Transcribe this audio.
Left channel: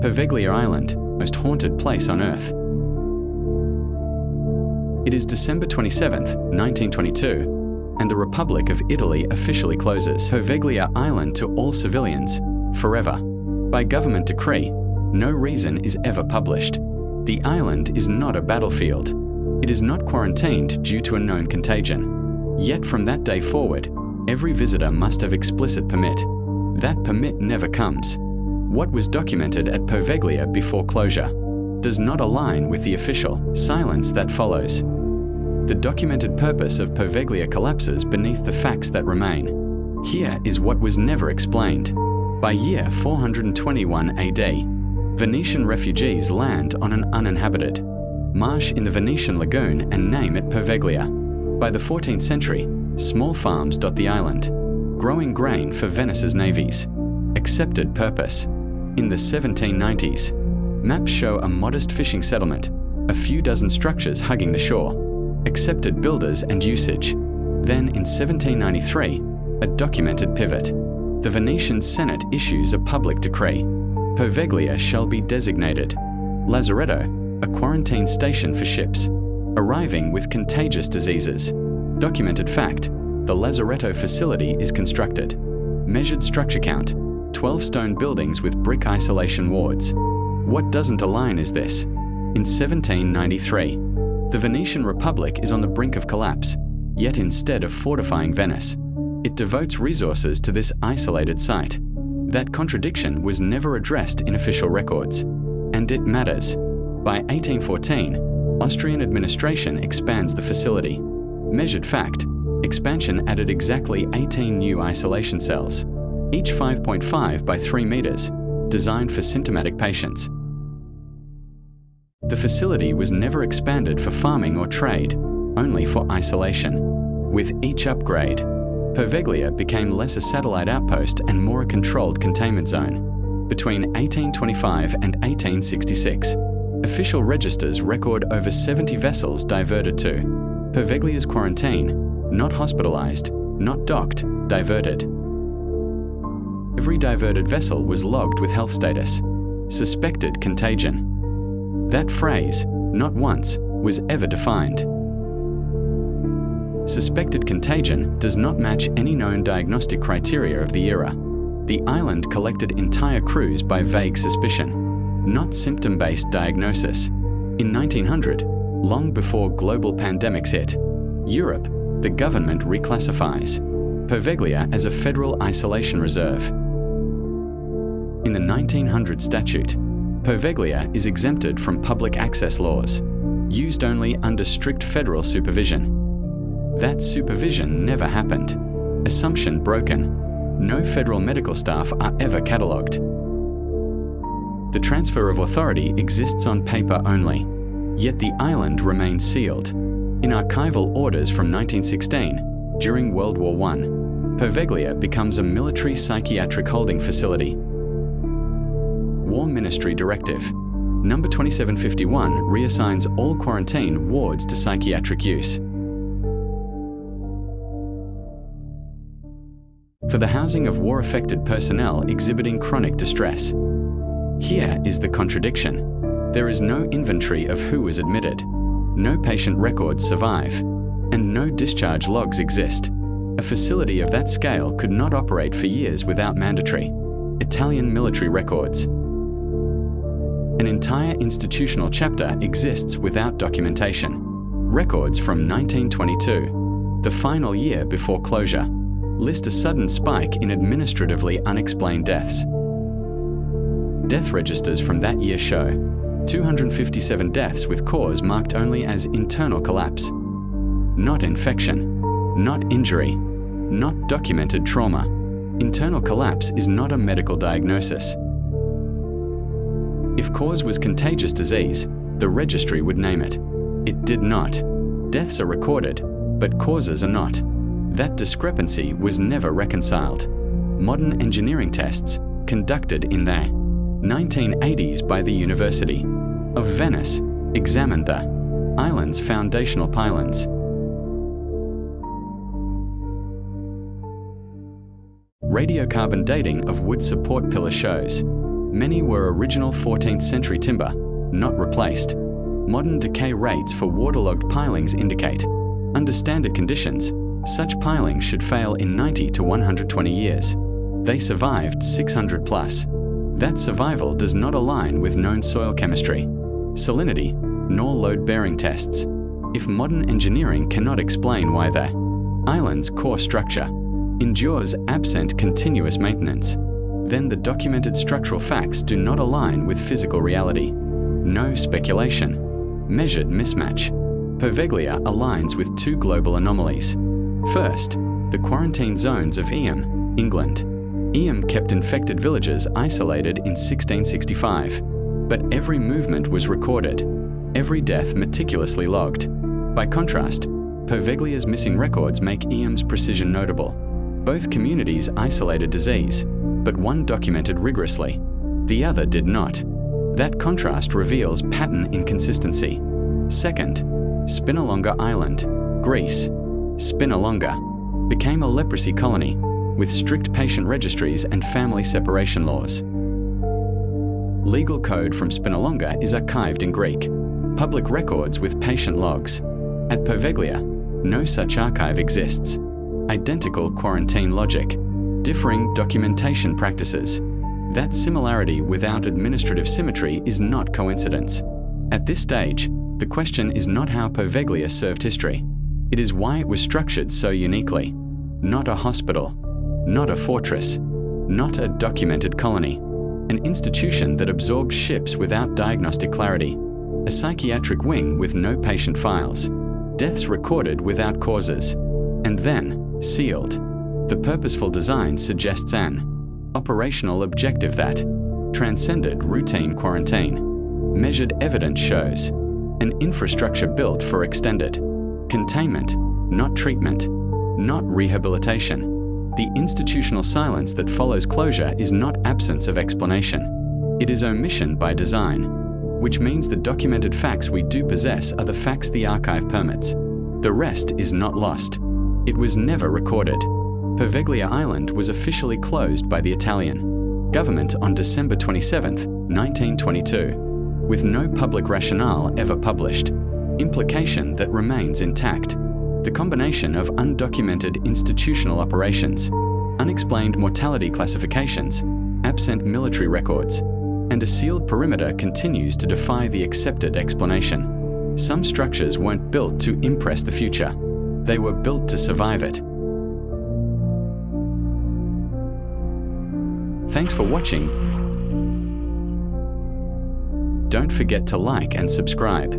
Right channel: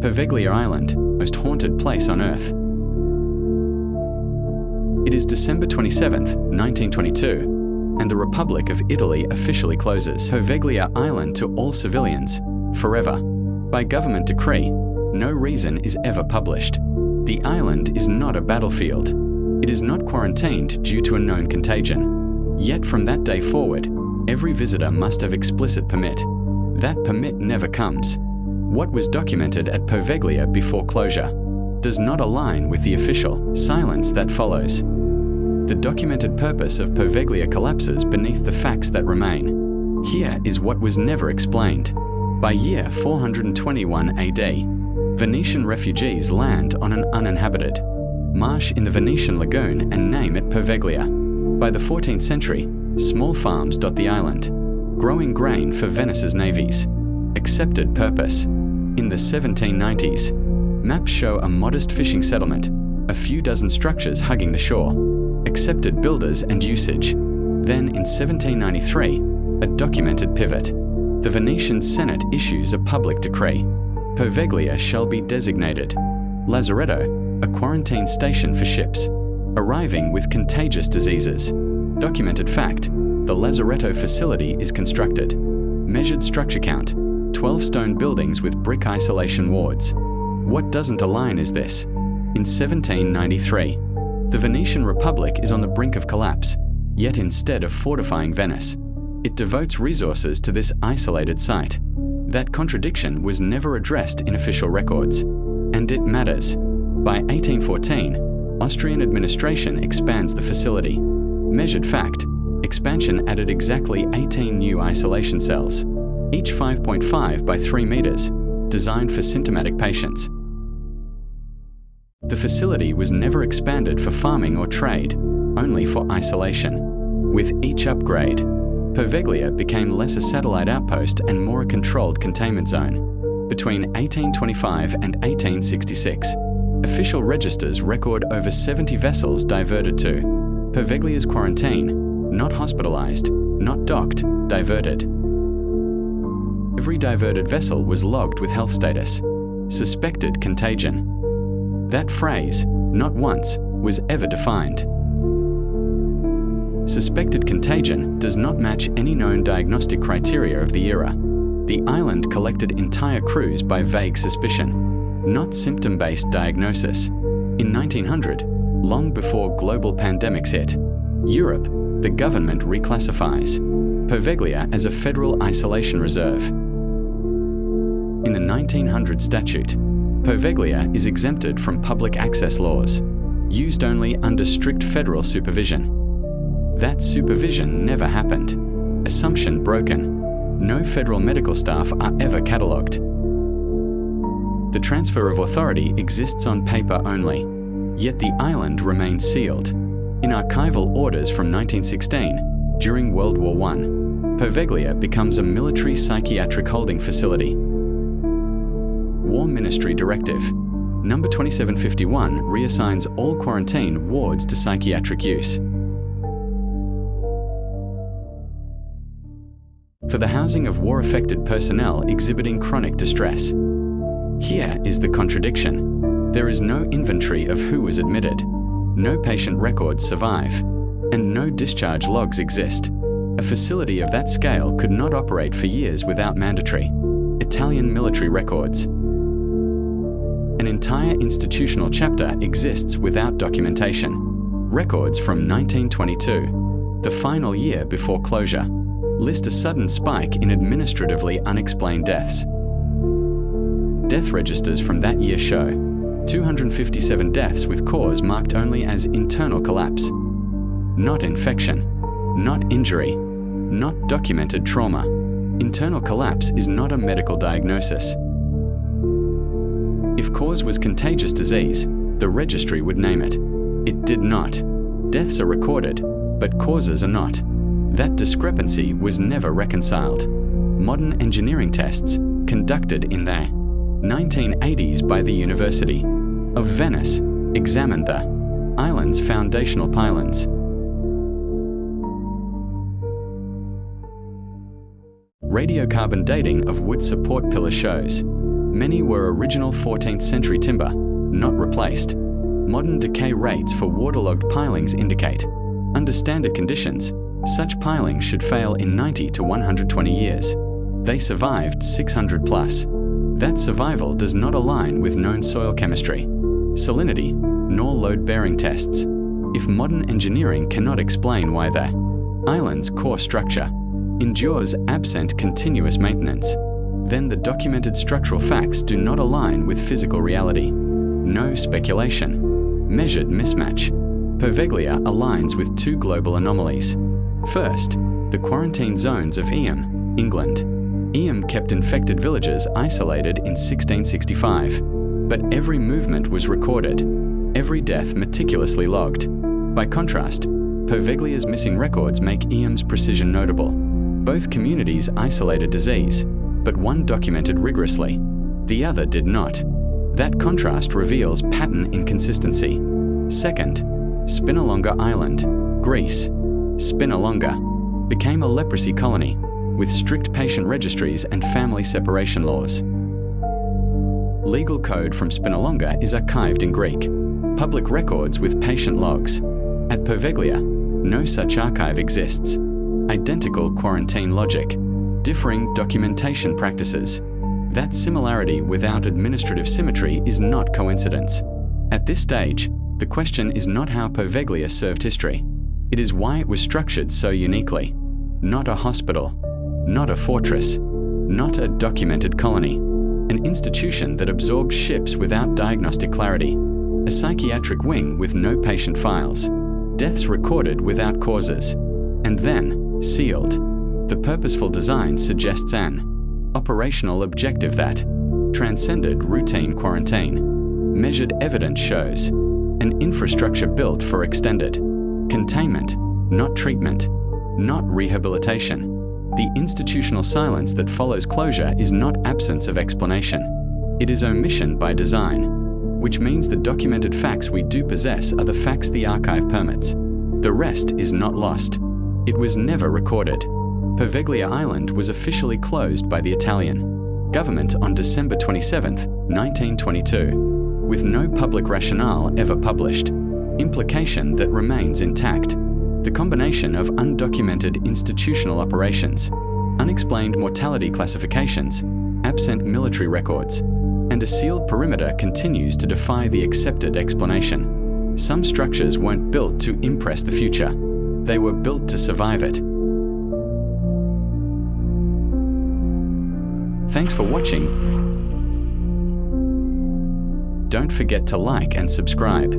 Poveglia Island, most haunted place on Earth. It is December 27, 1922, and the Republic of Italy officially closes Poveglia Island to all civilians, forever. By government decree, no reason is ever published. The island is not a battlefield. It is not quarantined due to a known contagion. Yet from that day forward, every visitor must have explicit permit. That permit never comes. What was documented at Poveglia before closure does not align with the official silence that follows. The documented purpose of Poveglia collapses beneath the facts that remain. Here is what was never explained. By year 421 AD, Venetian refugees land on an uninhabited marsh in the Venetian lagoon and name it Poveglia. By the 14th century, small farms dot the island, growing grain for Venice's navies. Accepted purpose. In the 1790s, maps show a modest fishing settlement, a few dozen structures hugging the shore. Accepted builders and usage. Then in 1793, a documented pivot. The Venetian Senate issues a public decree. Poveglia shall be designated lazaretto, a quarantine station for ships arriving with contagious diseases. Documented fact, the lazaretto facility is constructed. Measured structure count, 12 stone buildings with brick isolation wards. What doesn't align is this. In 1793, the Venetian Republic is on the brink of collapse, yet instead of fortifying Venice, it devotes resources to this isolated site. That contradiction was never addressed in official records. And it matters. By 1814, Austrian administration expands the facility. Measured fact, expansion added exactly 18 new isolation cells, each 5.5 by 3 meters, designed for symptomatic patients. The facility was never expanded for farming or trade, only for isolation. With each upgrade, Poveglia became less a satellite outpost and more a controlled containment zone. Between 1825 and 1866, official registers record over 70 vessels diverted to Poveglia's quarantine, not hospitalized, not docked, diverted. Every diverted vessel was logged with health status. Suspected contagion. That phrase, not once, was ever defined. Suspected contagion does not match any known diagnostic criteria of the era. The island collected entire crews by vague suspicion, not symptom-based diagnosis. In 1900, long before global pandemics hit, Europe, the government reclassifies Poveglia as a federal isolation reserve. In the 1900 statute, Poveglia is exempted from public access laws, used only under strict federal supervision. That supervision never happened. Assumption broken. No federal medical staff are ever catalogued. The transfer of authority exists on paper only, yet the island remains sealed. In archival orders from 1916, during World War I, Poveglia becomes a military psychiatric holding facility. War Ministry Directive Number 2751 reassigns all quarantine wards to psychiatric use. For the housing of war-affected personnel exhibiting chronic distress. Here is the contradiction. There is no inventory of who was admitted. No patient records survive. And no discharge logs exist. A facility of that scale could not operate for years without mandatory Italian military records. An entire institutional chapter exists without documentation. Records from 1922, the final year before closure, list a sudden spike in administratively unexplained deaths. Death registers from that year show 257 deaths with cause marked only as internal collapse. Not infection, not injury, not documented trauma. Internal collapse is not a medical diagnosis. If cause was contagious disease, the registry would name it. It did not. Deaths are recorded, but causes are not. That discrepancy was never reconciled. Modern engineering tests, conducted in the 1980s by the University of Venice, examined the island's foundational pylons. Radiocarbon dating of wood support pillar shows Many were original 14th century timber, not replaced. Modern decay rates for waterlogged pilings indicate, under standard conditions, such pilings should fail in 90 to 120 years. They survived 600 plus. That survival does not align with known soil chemistry, salinity, nor load-bearing tests. If modern engineering cannot explain why the island's core structure endures absent continuous maintenance, then the documented structural facts do not align with physical reality. No speculation. Measured mismatch. Poveglia aligns with two global anomalies. First, the quarantine zones of Eyam, England. Eyam kept infected villages isolated in 1665, but every movement was recorded, every death meticulously logged. By contrast, Poveglia's missing records make Eyam's precision notable. Both communities isolated disease, but one documented rigorously, the other did not. That contrast reveals pattern inconsistency. Second, Spinalonga Island, Greece. Spinalonga became a leprosy colony with strict patient registries and family separation laws. Legal code from Spinalonga is archived in Greek. Public records with patient logs. At Poveglia, no such archive exists. Identical quarantine logic, differing documentation practices. That similarity without administrative symmetry is not coincidence. At this stage, the question is not how Poveglia served history. It is why it was structured so uniquely. Not a hospital, not a fortress, not a documented colony. An institution that absorbed ships without diagnostic clarity. A psychiatric wing with no patient files. Deaths recorded without causes. And then, sealed. The purposeful design suggests an operational objective that transcended routine quarantine. Measured evidence shows an infrastructure built for extended containment, not treatment, not rehabilitation. The institutional silence that follows closure is not absence of explanation. It is omission by design, which means the documented facts we do possess are the facts the archive permits. The rest is not lost. It was never recorded. Poveglia Island was officially closed by the Italian government on December 27, 1922, with no public rationale ever published. Implication that remains intact. The combination of undocumented institutional operations, unexplained mortality classifications, absent military records, and a sealed perimeter continues to defy the accepted explanation. Some structures weren't built to impress the future. They were built to survive it. Thanks for watching. Don't forget to like and subscribe.